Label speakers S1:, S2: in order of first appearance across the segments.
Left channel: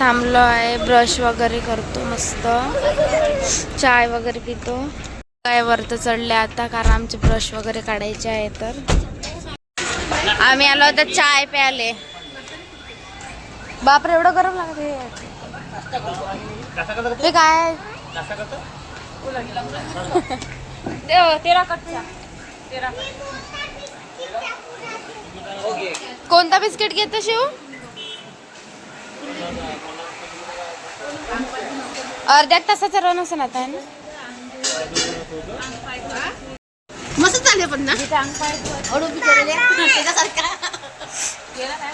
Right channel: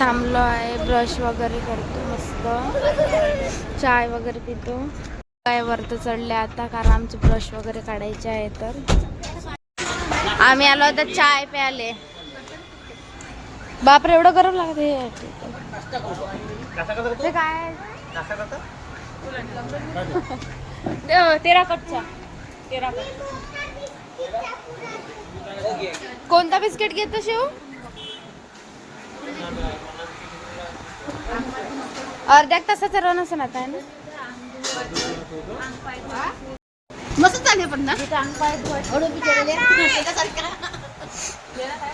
S1: थांबलो आहे ब्रश वगैरे करतो मस्त. चाय वगैरे पितो. काय वरत चढले आता कारण आमचे ब्रश वगैरे काढायचे आहे तर. आम्ही आलो आता चाय प्याले बापरे एवढं गरम लागत हे हे काय?
S2: तेरा कटचा तेरा
S1: कोणता बिस्किट घेतो शिव? अर्ध्या तासाचा रन असं आता आहे ना?
S3: मस्त चालले पण ना. अडो बिचारले त्याच्यासारखं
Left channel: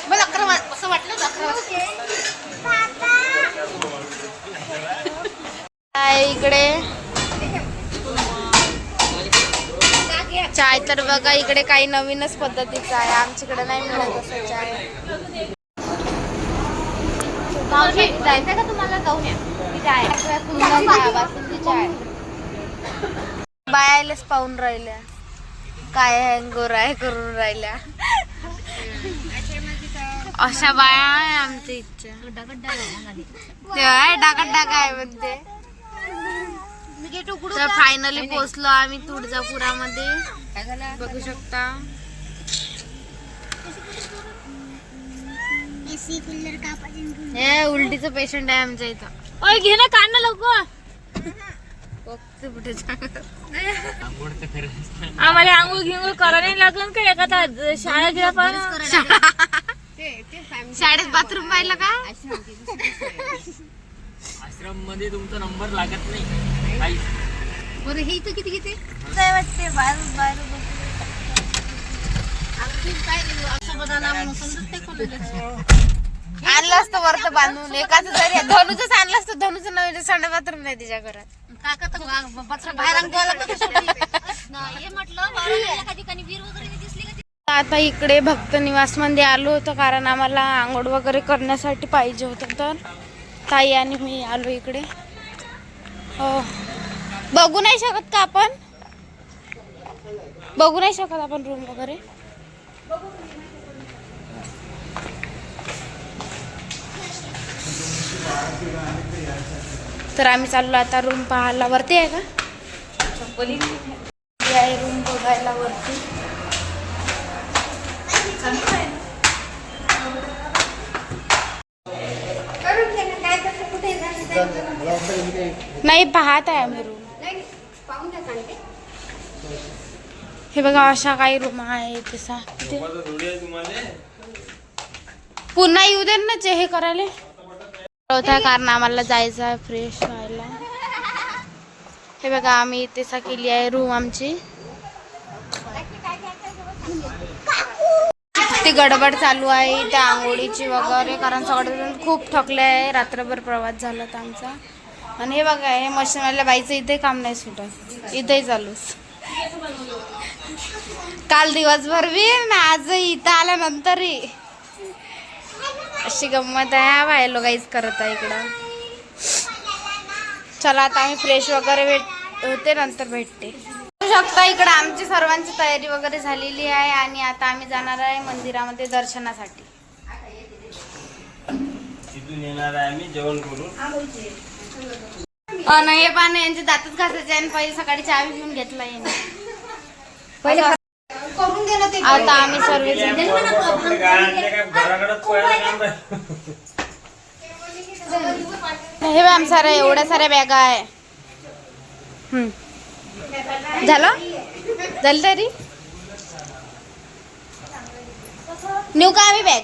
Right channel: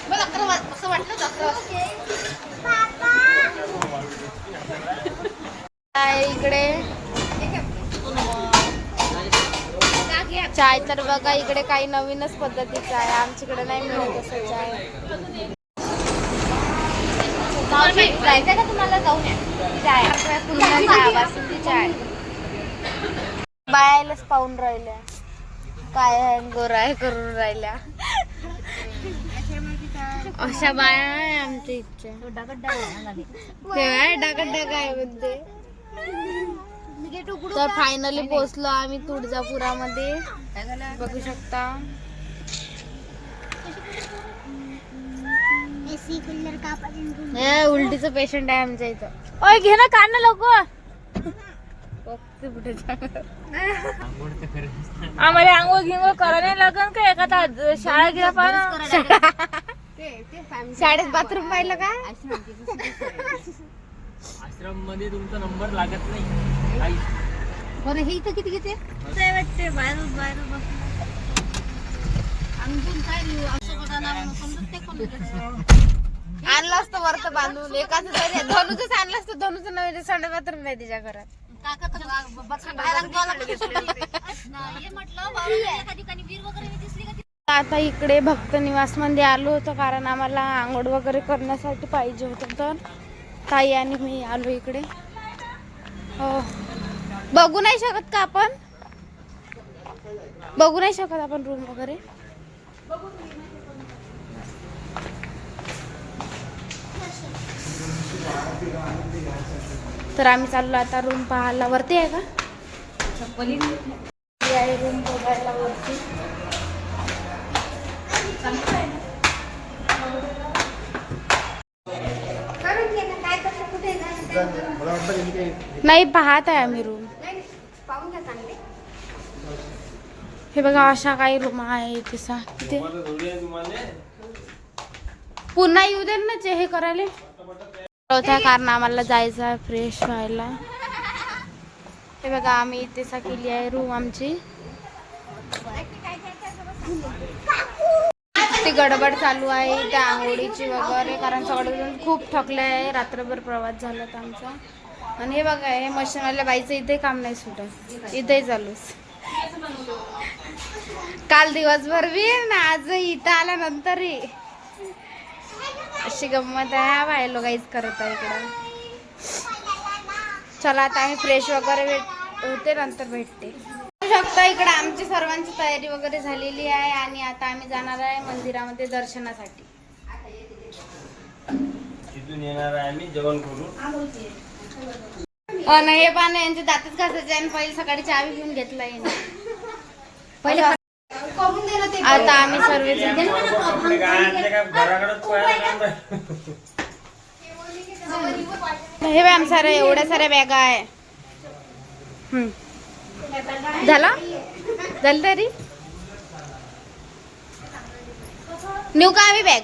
S3: मला अकरा वाज असं वाटलं होतं अकरा वाजता.
S1: चाय इकडे. चाय तर बघा इकडे काही नवीनच पद्धतीचं आहे. आमच्याकडे नाही मिळत असं चाय.
S3: का तुम्हाला जाऊन?
S1: बायालाच पाहून राहिल्या. काय हँगोर आहे करून राहिल्या. अशा बाया आहे आमच्या इच्छा तेव्हा डाकट आहे म्हणते. तर फायनली पोहोचलो आम्ही तुळजापुरामध्ये. बघू शकता. हे उलटीचं पेशंट आहे आमच्या इथं.
S2: ओय घे ना काढ ना लोक
S1: बघते कुठे.
S2: आम्हाला आंघोळ गिंगोळ करा नाही लागन का? एखादा शाळा घ्या पण.
S1: शाळेत बाथरूम पाहिलं का?
S4: आश्रममध्ये तुमचा नंबर लागत नाही. काही
S3: बरं हे इथं किती किती?
S1: काय वाटते बाहेर बाहेर आणलं असतं वरत बांधून. एकाच जरी धनुच आणलं असतं. धनुचं नवीन संडे बाथरूम नाही तिच्या घरात.
S3: काका तर बाहेर
S1: आता इकडे भक्त निवासमध्ये आलो होतो कारण आम्हाला आंघोळ वगैरे करण्यासाठी पाहिजे होतं. तर ताई आणि मी आलो इकडे. हो. बघू नाही शकत का आपण? बघू नाही शकत आपण रूम वगैरे? तर आम्ही चाललो आता रूम पाहायला. वरती आहे का? आहे रूम बघायला वरती. नाही पाहत आहे आम्ही रूम हे बघा अशा काही रूम आहे तसा पुन्हा येऊ दे ना जे हे करायला. होता कारण आम्हाला जायचं आहे फ्रेश व्हायला. हे बघा आम्ही इथे केली आहे रूम आमची. ती गडबड चालू आहे त्या आंघोळीची वगैरे कारण सगळं खूप थकले आहे. रात्रभर प्रवास झाला होता आमचा. आणि हे बघा हे मशीनवाल्या बाईचं इथे काम नाही सुटत. इथेही चालूच. काल दिवसभर बी ना आज इथं आल्यानंतरही अशी गंमत आहे. हा बाय लोक काहीच करत आहे इकडं. चला आता आम्ही फ्रेश वगैरे भेट होते नंतर भेटते. बघू शकता इकडं आमची सर्वांची तयारी वगैरे झालेली आहे आणि आता आम्ही जाणार आहे मंदिरामध्ये दर्शनासाठी.
S4: तिथून येणार आहे आम्ही जेवण करून.
S1: अन हे पानं यांचे दातच घासायचे आणि पहिले सकाळी चहा बी पिऊन घेतला असं- आता आम्ही सर्वजण हे आमच्या साऱ्या एवढ्या साऱ्या बॅगा आहे. हम्म. झालं? झालं तरी? नेऊ का आम्ही बॅग?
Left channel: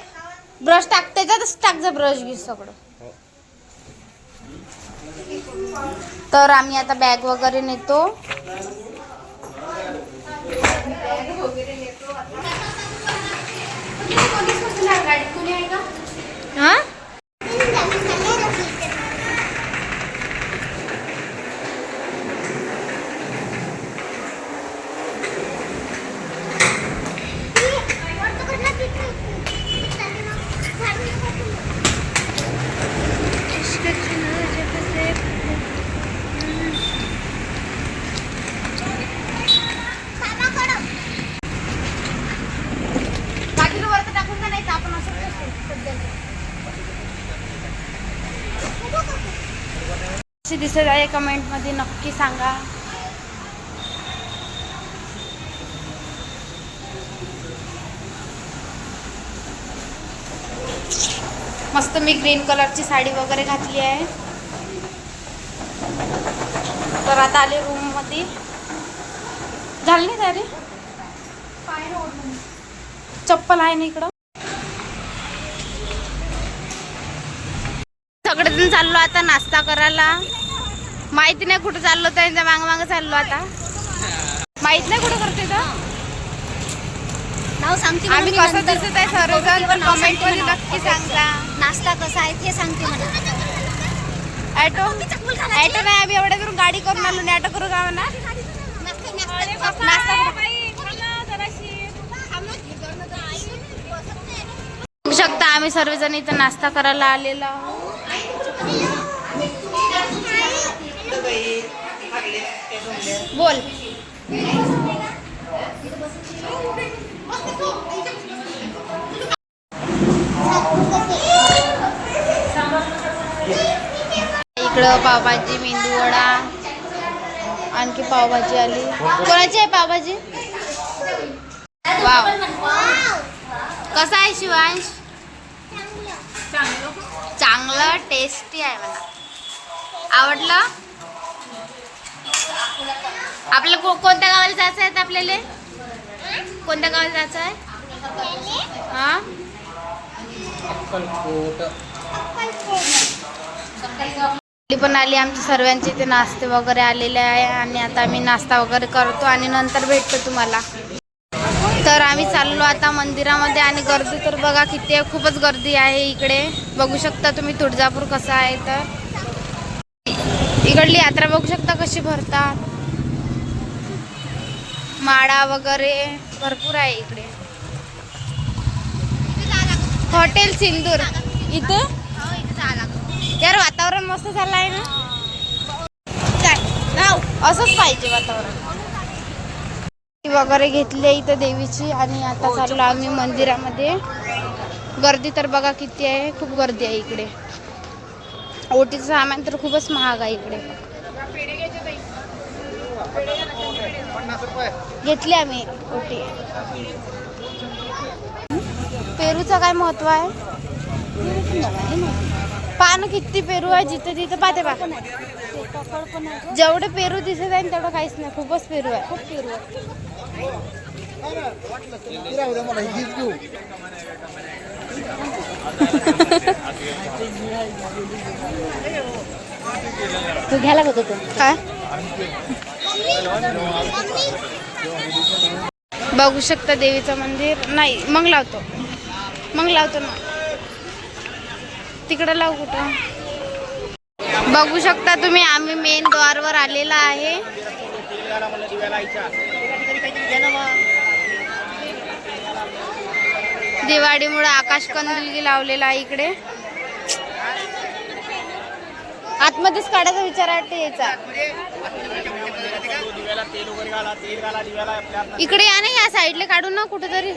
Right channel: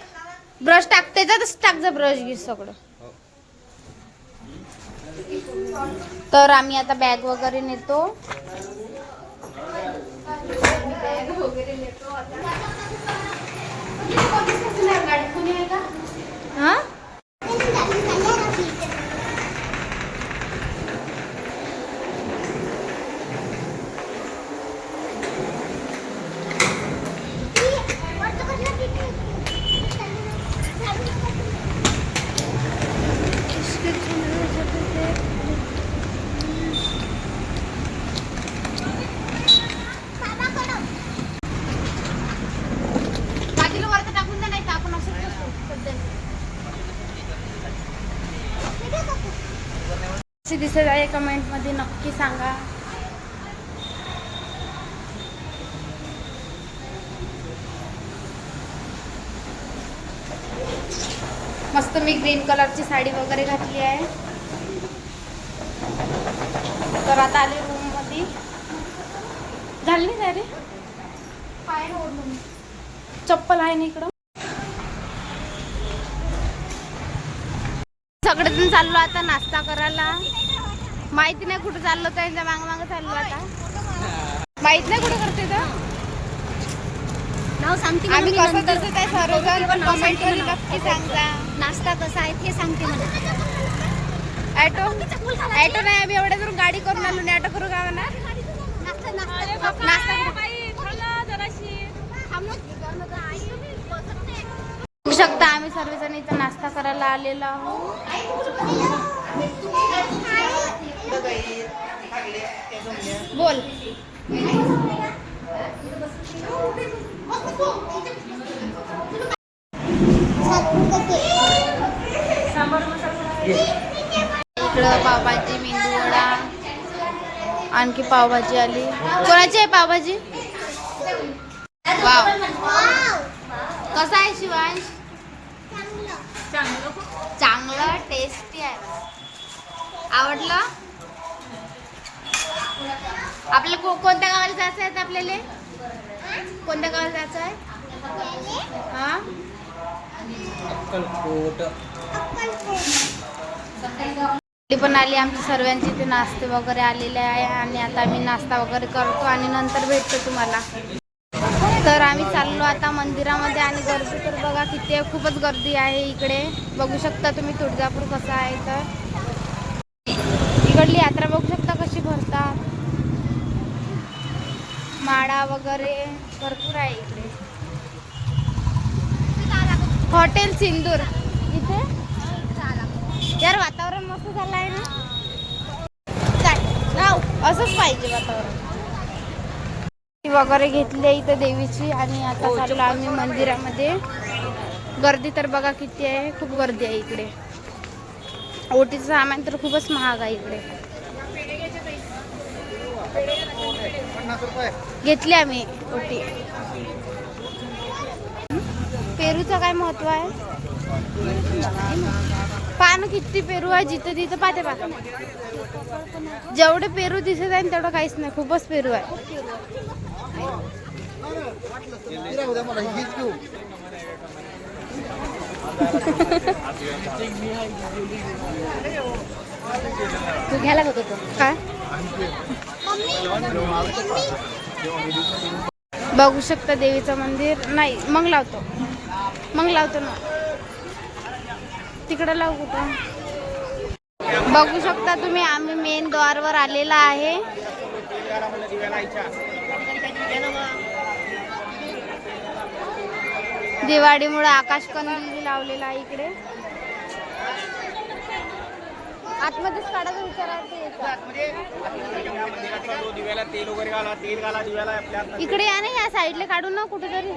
S1: ब्रश टाक त्याच्यातच टाक जा ब्रश घे सगळं. तर आम्ही आता बॅग वगैरे नेतो. हा पाठीला आहे का द्या नाही तर आपण असंच बसू सध्या कशी दिसत आहे कमेंटमध्ये नक्की सांगा. मस्त मी ग्रीन कलरची साडी वगैरे घातली आहे. तर आता आले रूममध्ये झाली नाही तयारी? चप्पल आहे ना इकडं? सगळेजण चाललो आता नाश्ता करायला. माहिती नाही कुठे चाललो त्यांच्या माग माग चाललो आता. माहीत नाही कुठे करते तर
S3: नाव सांगते
S1: आम्ही कसं दिसत आहे सर्वजण तर कमेंटमध्ये नक्की सांगा
S3: नाश्ता कसा आहे ते सांगते मला
S1: ॲटो ॲटो नाही आम्ही एवढ्या दूर गाडी करून आलो नाही ॲटो करू का म्हणा नाश्ता. बघू शकता आम्ही सर्वजण इथं नाश्ता करायला आलेलो आहोत. बोल. इकडं पावभाजी मेंदू वडा. आणखी पावभाजी आली. कोणाची आहे पावभाजी? वाव. कसा आहे शिवांश? चांगलं. टेस्टी आहे मला आवडलं? आपल्याला कोणत्या गावाला जायचं आहे आपल्याला? कोणत्या गावाला जायचं आहे? हा? पण आली आमच्या सर्वांचे इथे नाश्ते वगैरे आलेले आहे आणि आता आम्ही नाश्ता वगैरे करतो आणि नंतर भेटतो तुम्हाला. तर आम्ही चाललो आता मंदिरामध्ये आणि गर्दी तर बघा किती आहे खूपच गर्दी आहे इकडे. बघू शकता तुम्ही तुळजापूर कसं आहे तर. इकडली यात्रा बघू शकता कशी भरतात. माडा वगैरे भरपूर आहे इकडे. हॉटेल सिंदूर. इथं? यार वातावरण मस्त झालं आहे ना असंच पाहिजे वातावरण. वगैरे घेतली आहे इथं देवीची आणि आता चाललो आम्ही मंदिरामध्ये. गर्दी तर बघा किती आहे खूप गर्दी आहे इकडे. ओटीचं सामान तर खूपच महाग आहे इकडे. घेतली आम्ही ओटी पेरूचं काय महत्त्व आहे? पान किती पेरू आहे जिथे तिथे? पाहते पा जेवढे पेरू दिसत आहे तेवढं काहीच नाही खूपच पेरू आहे.
S3: तू घ्यायला बघतो.
S1: काय? बघू शकता देवीचं मंदिर. नाही मग लावतो. मग लावतो ना. तिकडं लावू कुठं? बघू शकता तुम्ही आम्ही मेन द्वारवर आलेला आहे. दिवाळीमुळे आकाश कंदील लावलेला आहे इकडे. आतमध्येच काढायचा विचार वाटते याचा. इकडे या नाही या साईडला काढून ना कुठेतरी.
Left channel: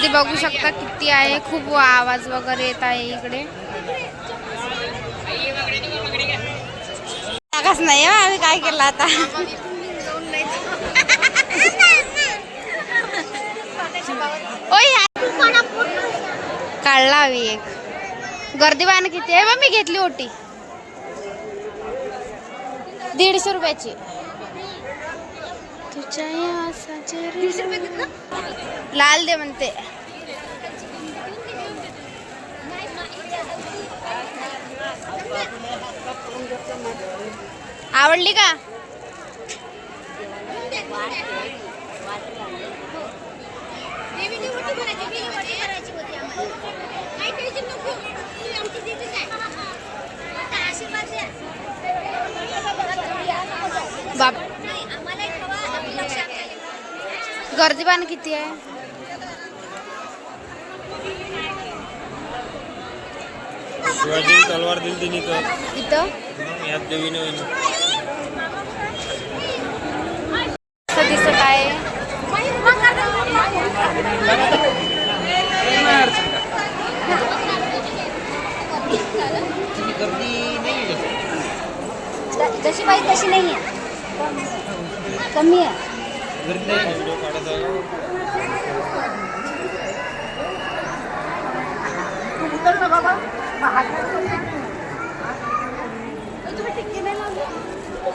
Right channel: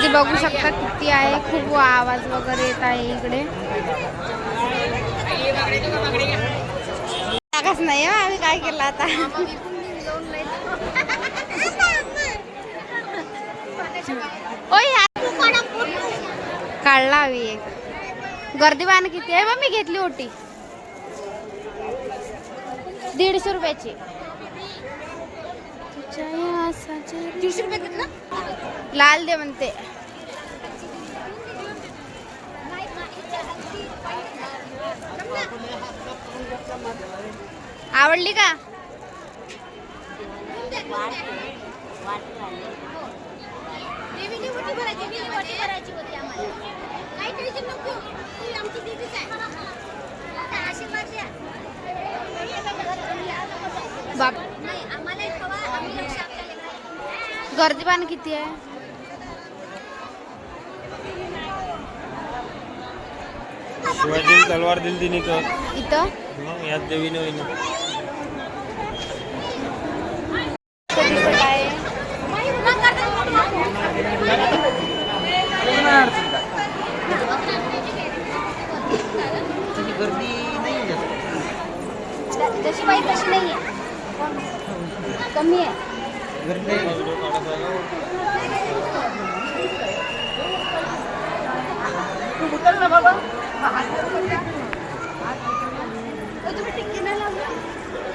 S1: ते बघू शकता किती आहे खूप आवाज वगैरे येत आहे इकडे. नाही हो, आम्ही काय केलं आता ओय काढला हवी एक. गर्दी वाण किती आहे? बा मी घेतली ओटी. दीडशे रुपयाची. तुझ्या लाल दे म्हणते. आवडली का? बाप. गर्दी पाहणं किती आहे?
S4: शिवाजी तलवार दिली तिने तर.
S1: इथं?
S4: यात देवीने
S1: कसं दिसत आहे
S3: तशी बाई तशी नाही आहे कमी आहे तू उतर ना बाबा तुम्ही टिक्की नाही लावली
S4: सर असे करून करा
S5: इकडे काय लागतील का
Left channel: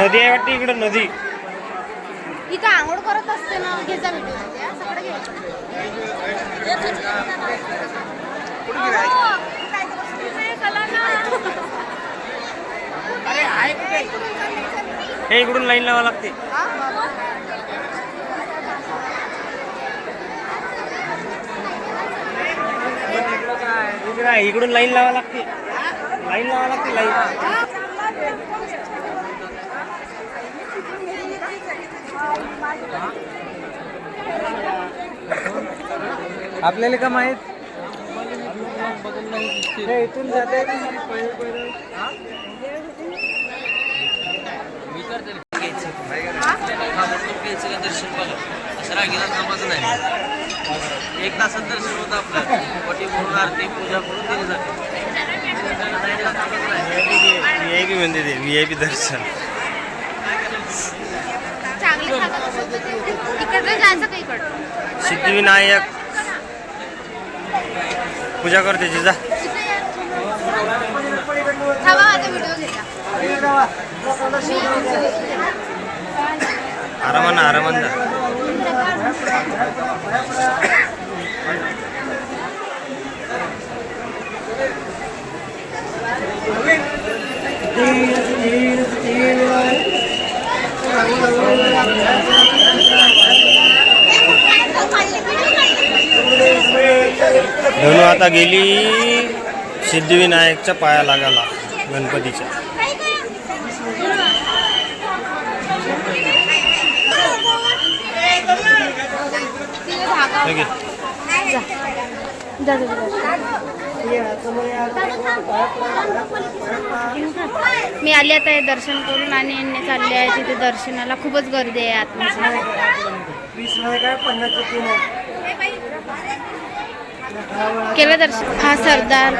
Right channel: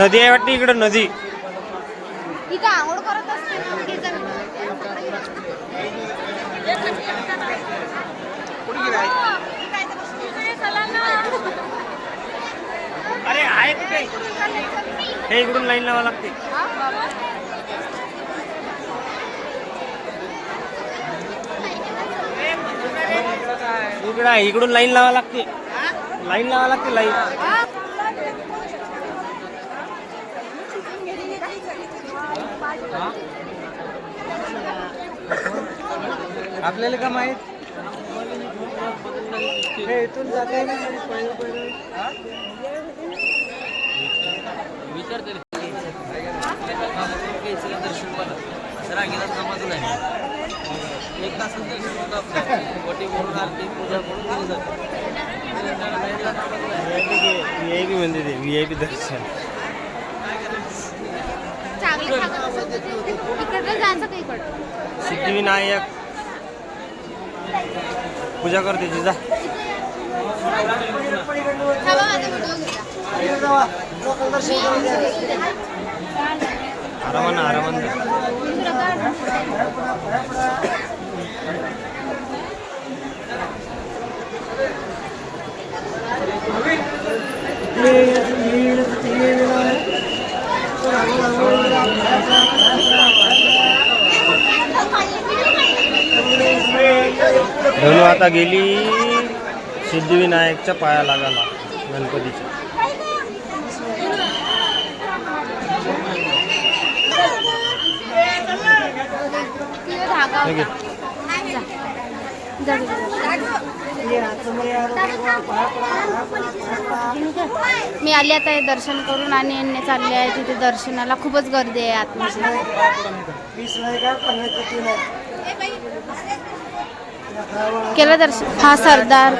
S5: नदी आहे वाटते इकडं नदी.
S3: इथं आंघोळ करत असते ना घ्यायचा व्हिडिओ सगळं घ्यायचं
S5: हे इकडून लाईन लावा लागते. इकडं इकडून लाईन लावा लागते. लाईन लावा लागते लाईन.
S4: आपल्याला का माहीत?
S5: इथून जाते?
S4: विचार तरी दर्शन करा असं रागीला कामाचं नाही एक तासात दर्शन होतं आपलं. वटी म्हणून आरती पूजा करून दिली जाते.
S5: व्ही आय पी म्हणते ते व्ही आय पी दर्शन. सिद्धिविनायक. पूजा करते
S3: जा
S5: आरामान आरामान जा. धनु आता गेली सिद्धिविनायकच्या पाया लागाला गणपतीच्या.
S1: मी आली आता हे दर्शन करून आणि यांनी चालले आहे तिथे दर्शनाला. खूपच गर्दी आहे आतमध्ये. केलं दर्शन हा सरदार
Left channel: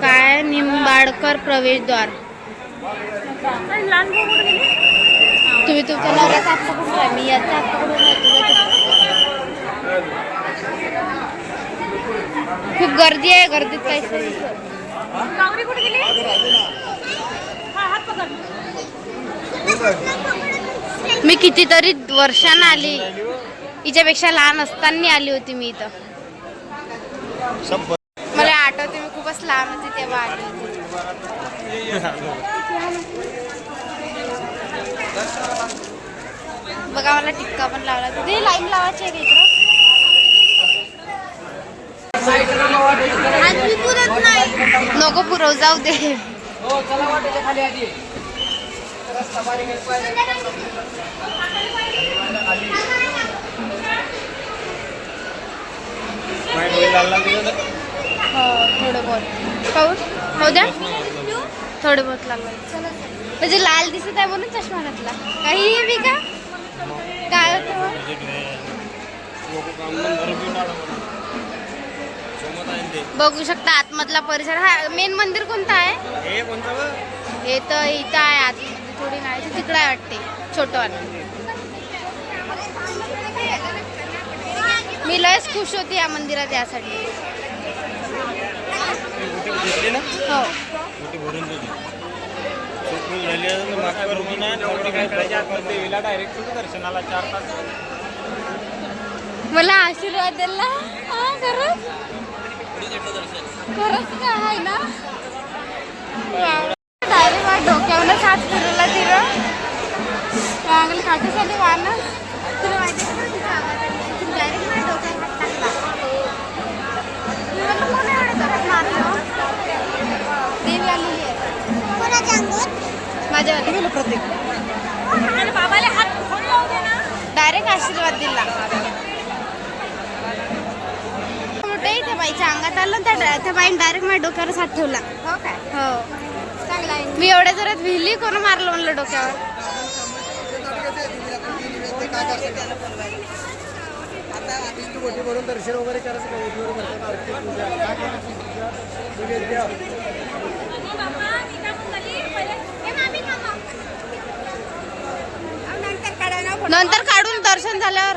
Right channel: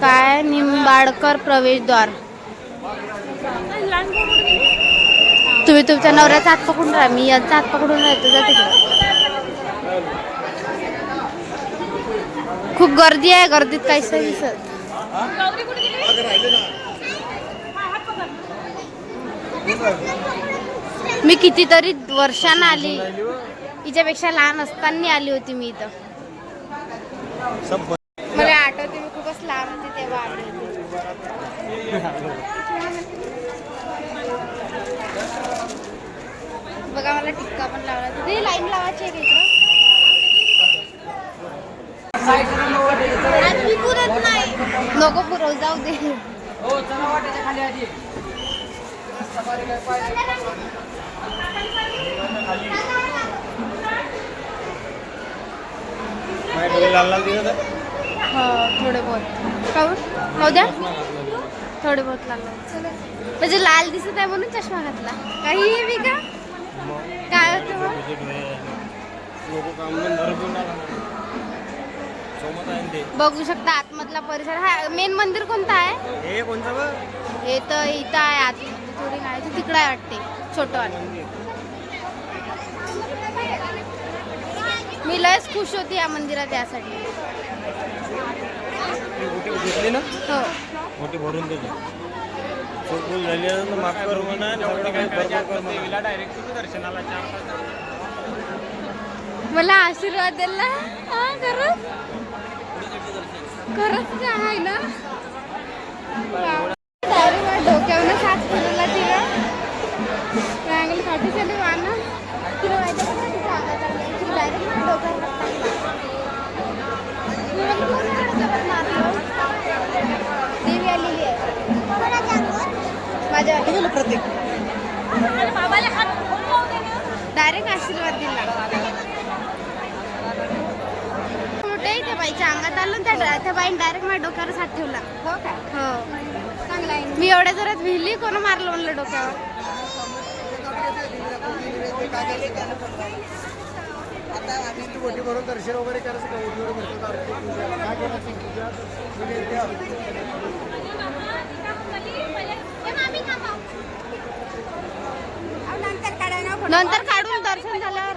S1: काय? निंबाडकर प्रवेशद्वार. तुम्ही तुमच्या नवऱ्याचा हात पकडून राहा. मी याचा हात पकडून राहतो खूप गर्दी आहे. गर्दीत काहीच नाही दिसत. मी कितीतरी वर्षानं आली. हिच्यापेक्षा लहान असताना आली होती मी इथं. मला आठवते मी खूपच लहान होती तेव्हा आठवते. बघा मला टिक्का पण लावला. तिथे लाईन लावायची आहे का इकडं. नको पुरव जाऊ दे. हो थोडं बहुत द्या. थोडं बहुत लागलं. म्हणजे लाल दिसत आहे म्हणून चष्मा घातला. काही बी का? काय होतं? बघू शकता आतमधला परिसर. हा मेन मंदिर कोणतं आहे?
S5: हे
S1: तर इथं आहे आत थोडी नाही तिकडं आहे वाटते. छोटं वाटते. मी लयच खुश होती या मंदिरात यासाठी. हो. मला आशीर्वाद दिला हा खरंच? खरंच का आहे ना? डायरेक्ट माझ्या डोक्यावरच हात फिरवला तिनं. चांगलं वाना तुला माहिती का आली डायरेक्ट माझ्या डोक्यावर हात टाकला मी म्हटलं कोण एवढं करत मारलं देवी आलेली आहे माझ्या
S2: आणि बाबाला हात फोड लावू दे ना
S1: डायरेक्ट आशीर्वाद दिला मोठे त्या बाईच्या अंगात आलं त्या त्या बाईने डायरेक्ट माझ्या डोक्यावर हात ठेवला
S3: हो काय
S1: हो
S3: चांगला आहे
S1: मी एवढ्या जोरात विहिली कोण मारलं म्हणलं डोक्यावर
S5: भरून दर्शन वगैरे करायचं का?
S1: नंतर काढून दर्शन झाल्यावर.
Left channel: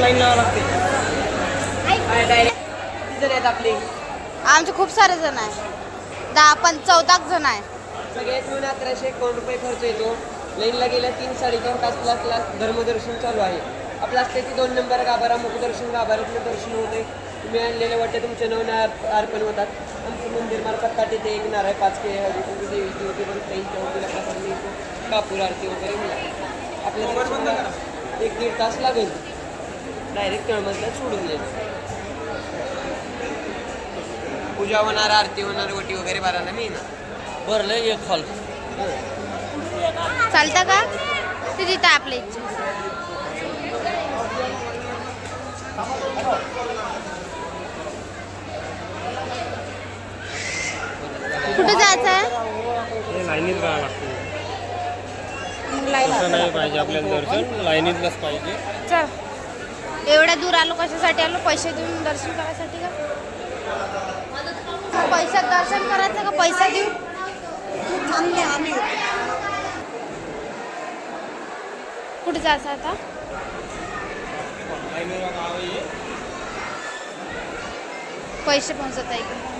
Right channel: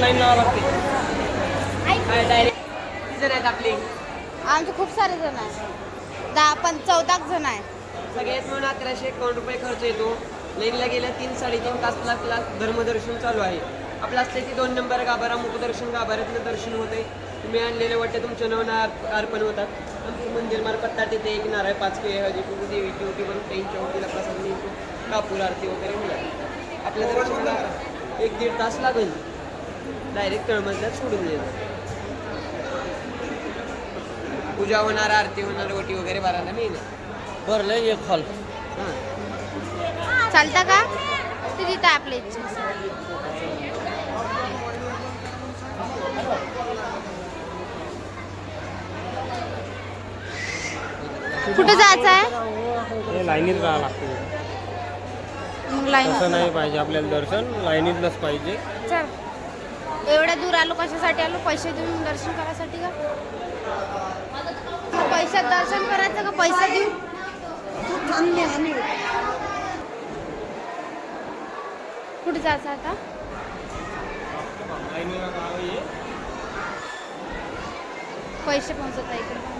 S4: लाईन लावा लागते. आहेत आपले.
S1: आमचे खूप सारे जण आहे दहा पण चौदा जण आहे
S4: सगळ्यात मिळून अकराशे एक रुपये खर्च येतो. लाईनला गेल्या तीन साडेतीन तास क्लास धर्मदर्शन चालू आहे. आपलं असते की दोन नंबर गाभारा मुखदर्शन गाभाऱ्यातलं दर्शन होते तुम्ही आणलेले वाटते तुमचे नवना अर्पण होतात. आमचं मंदिर मार्फत त्या तिथे एक नारळ पाच हळदी कुंकू देवीची ओटी भरून त्यांच्या प्रसाद मिळतो. कापूर आरती वगैरे मिळाली आपल्या एक दीड तास लागेल. डायरेक्ट तळमजल्यात सोडून देणार पूजा होणार आरती होणार ओटी वगैरे भरायला मिळणार भरलं एक खाली.
S1: चालतं का? ते तिथं आपल्या इच्छा कुठे जायचं आहे?
S5: हे लाईनीत राहावं लागते.
S1: मग लाईन
S5: तसं नाही पाहिजे आपल्याला दर्शन लाईनीतलंच पाहिजे.
S1: चल. एवढ्या दूर आलो कशासाठी आलो? पैसे देऊन दर्शन करायसाठी का? पैशात दर्शन करायचं का पैसा देऊ? कुठे जायचं आता? पैसे पोहोचत आहे इकडे.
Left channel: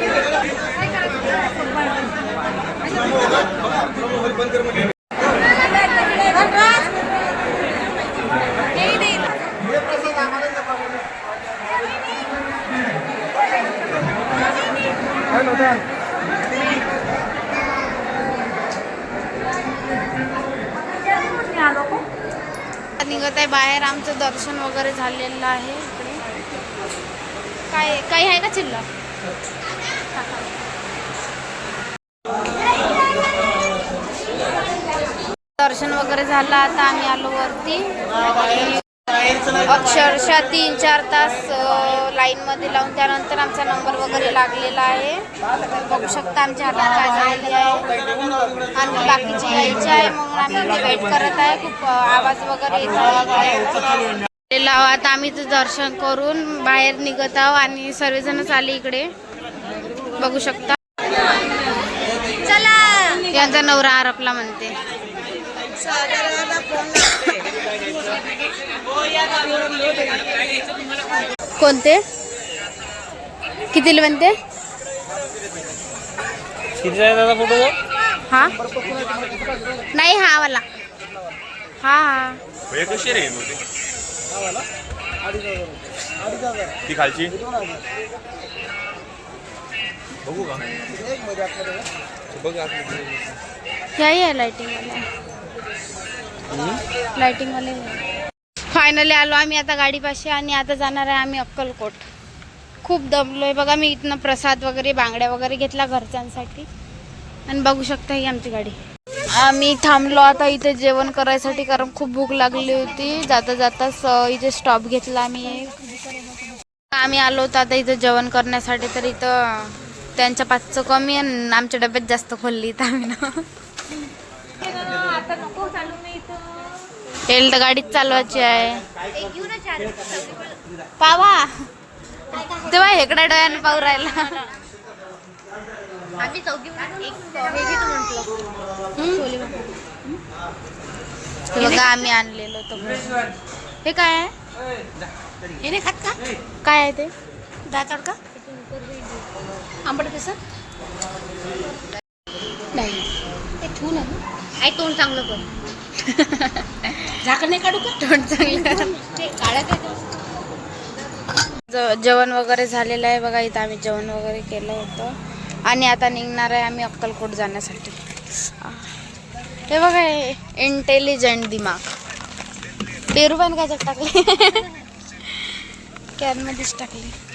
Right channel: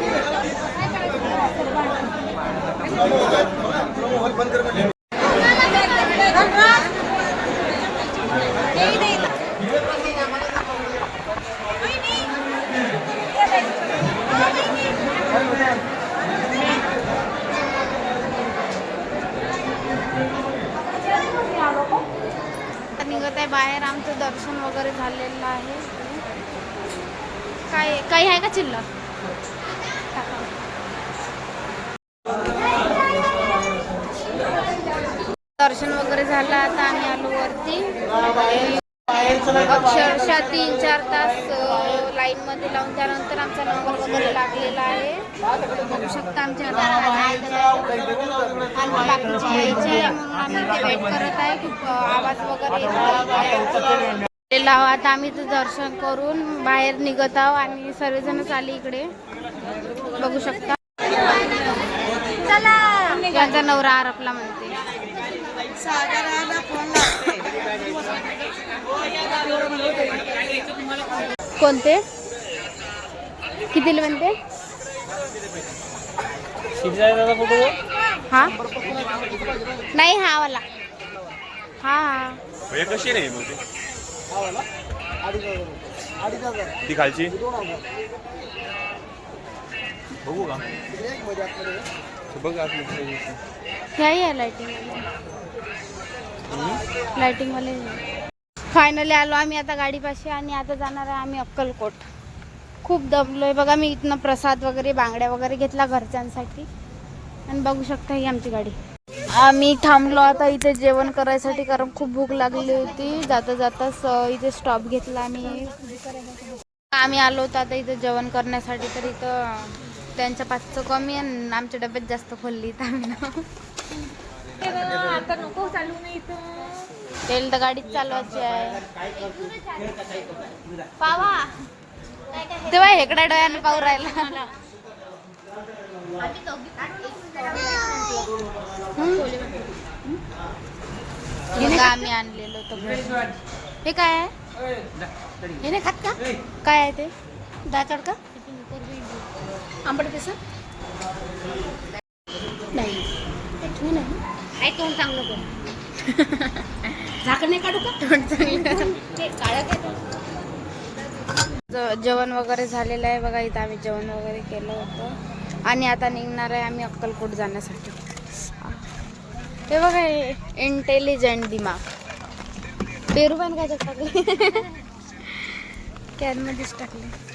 S1: निघत आहे बाहेर आमचं दर्शन वगैरे झालेलं आहे इकडे. काय काही आहे का चिल्लर? दर्शन वगैरे झालं. आता आम्ही आलो वरती. अक्षरशः तीन चार तास लाईन मध्ये लावून त्यानंतर आमचा नंबर वगैरे लागलेला आहे. बघू शकता आमच्या हातात काय झालेली आहे. आणि बाकीचे यायचे आहे म्हणून आम्ही इथे वेट करत आहे. खूप आवाज वगैरे येत आहे. आता आम्ही इथं दर्शन करून बाहेर निघत आहोत आणि सर्वजण आले इकडे. बघू शकता. त्यांचा नवरा आरपला म्हणते. कोणते? कितीला म्हणते? हा? नाही हा वाला. हा हा.
S5: हे कशी नाही ती खालची? बघू का? बघ
S1: ह्याही आहे लाइटिंग वाले लाइटिंग वाले फायनली आलो आम्ही आता गाडीपाशी आणि आता जाणार आहे आम्ही अक्कलकोट. खूप दमलोय बघा मी इथनं प्रसाद वगैरे बांगड्या वगैरे घेतला घरच्यांसाठी. आणि बघू शकता ही आमची गाडी. आम्ही थांबलो आता इथे जेवण करायसाठी कारण खूप भूक लागली होती. जाता जाताच इथे स्टॉप घेतला आम्ही. आम्ही आलो होतो आता इथं जेवण करण्यासाठी तर इथं त्यांच्या पाचचं कमी आणि आमच्या डब्यात जास्त खोलली इथं आम्ही ना.
S2: आता नको चालू
S1: तेल तर गाडीच चालवायची आहे. पावा. तेव्हा हेकडा डोळ्यानं पाहू राहिला. बघा आम्ही आणलेलं होतं. हे काय आहे?
S3: हे नाही खात का?
S1: काय आहे ते?
S3: डाळ तडका? आंबट बेसन? नाही. ते ठेवू ना आई तोंड चांगलं कर. झाकण नाही काढू का?
S1: तोंड चांगलं. जेवण वगैरे झालेलं आहे बघा इथं आम्ही जेवण वगैरे केलं होतं. आणि आता निघणार आहे आम्ही अक्कलकोट जाण्यासाठी. हे बघा हे इंटेलिजंट दिमाग. पेरू पण काय टाकले. कॅनमध्येच टाकले.